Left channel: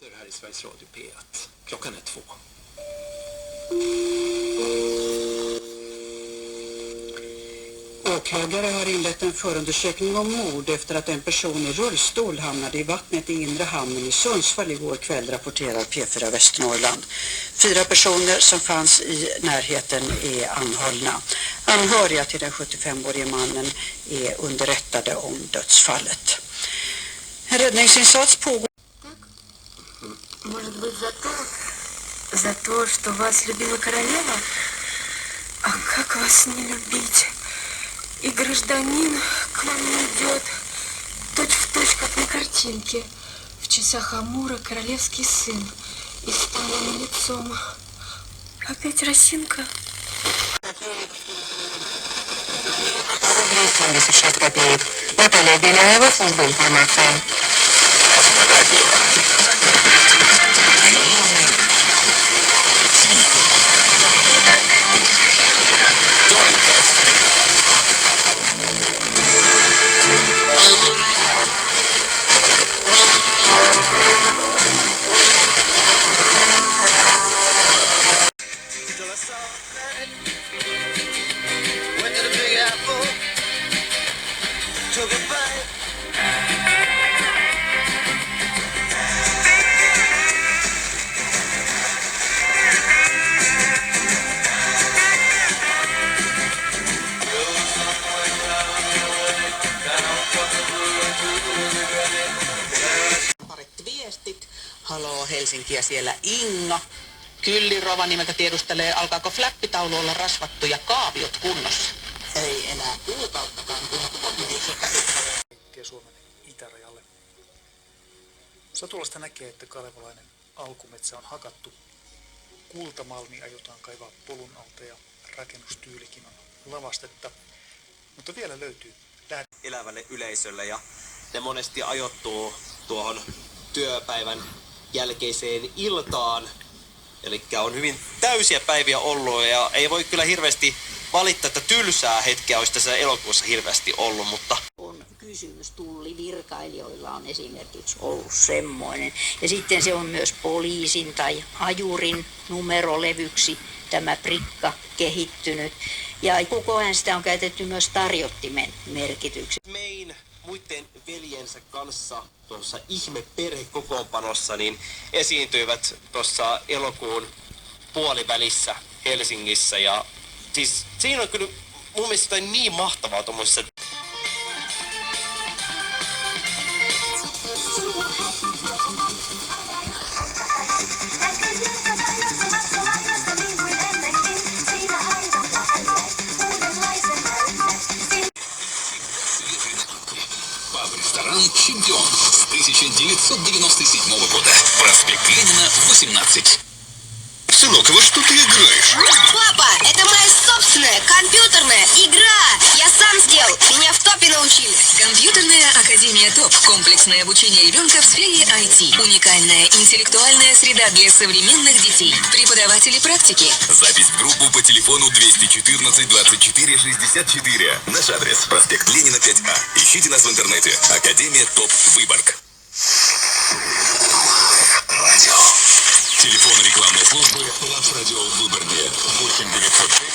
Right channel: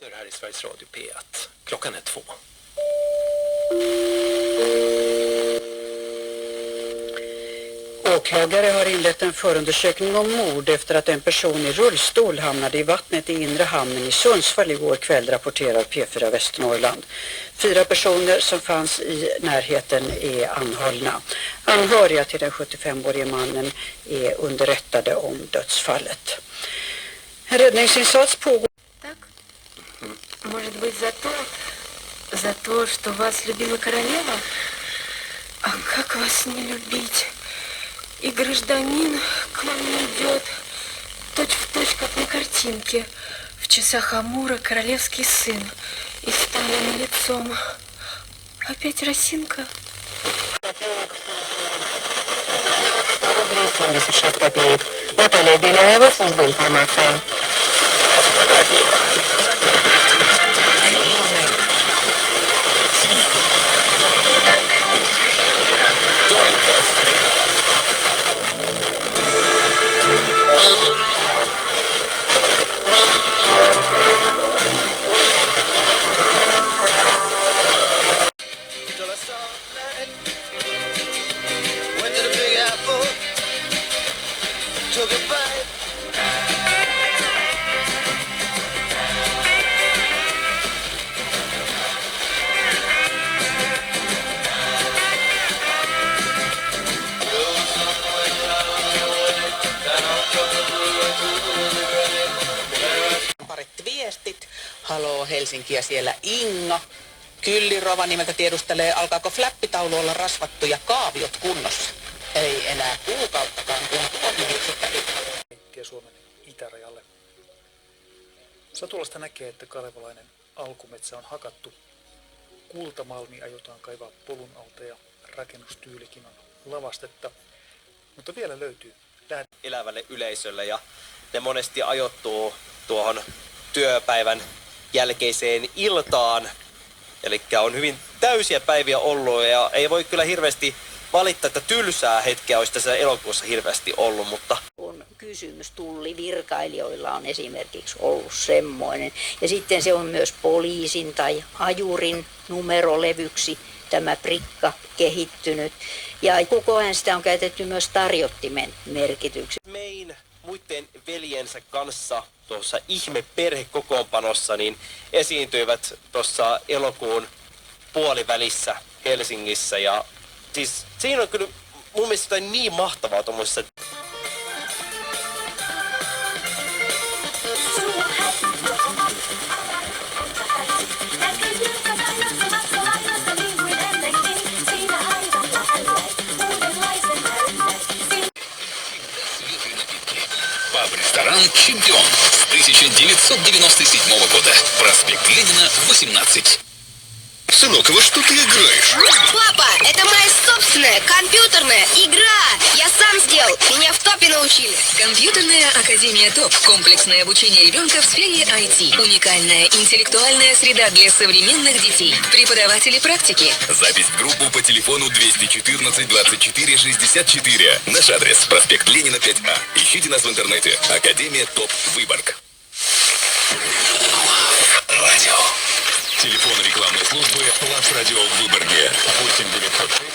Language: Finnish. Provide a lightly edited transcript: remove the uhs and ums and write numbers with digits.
Här i Sveriges Radio P1. Klockan är 2. Åklagare har inlett en förundersökning om mord efter att en person i rullstol hamnade i vattnet i inre hamnen i Sundsvall igår kväll, rapporterar P4 Västernorrland. 4 personer som fanns i närheten är anhållna. Anhöriga till den 75-årige mannen är underrättade om dödsfallet. En räddningsinsats pågår. Может быть, за то, что вас любила королева? А как вас не любить? И гражданин к вам не идет, точь-в-точь, как на картинке. В часах Амура королевский сын. И с талым лицом. Опять росинка. 76 копеек. Наталья Беляева, служба информации. Haloo Helsinkiä, siellä Inga. Kylli Rovaniemeltä tiedustelee, alkaako fläppitaulu olla rasvattu ja kaaviot kunnossa. Ei enää kuukauttakaan, kun on Suomen itärajalle. Satulasta näkee, että kalevalainen alkumetsä on hakattu. Kultamalmi aiotaan kaivaa polun alta ja rakennustyylikin on lavastetta. Mutta vielä löytyy elävälle yleisölle ja ne monesti ajoittuu tuohon työpäivän jälkeiseen iltaan. Eli on hyvin täysiä päiviä ollut ja ei voi kyllä hirveästi valittaa, että tylsää hetkeä olisi tässä elokuussa hirveästi ollut, mutta on kysymys tullivirkailijoilla on esimerkiksi ollut semmoinen. Ja sitten se on myös poliisin tai ajurin numerolevyksi tämä prikka kehittynyt. Ja koko ajan sitä on käytetty myös tarjottimen merkityksi. Mein muiden veljensä kanssa tuossa ihmeperhekokoonpanossa niin esiintyivät tuossa elokuun puolivälissä Helsingissä. Ja siis siinä on kyllä mun mielestä jotain niin mahtavaa tuommoisessa. Ресторан «Чемпион» с 1997 года. Проспект Ленина, 18. Сынок, во что ты играешь? Папа, это моя собственная компьютерная игра. Я сам сделал. Меня в ТОПе научили. Компьютерная академия ТОП. Комплексное обучение ребенка в сфере IT. Уникальная интеллектуальная среда для современных детей. Преподаватели практики. Запись в группу по телефону 214 24 64. Наш адрес – проспект Ленина, 5А. Ищите нас в интернете. Академия ТОП Выборг. Радио. Телефон рекламной службы «Плац Радио» в Выборге. 8 905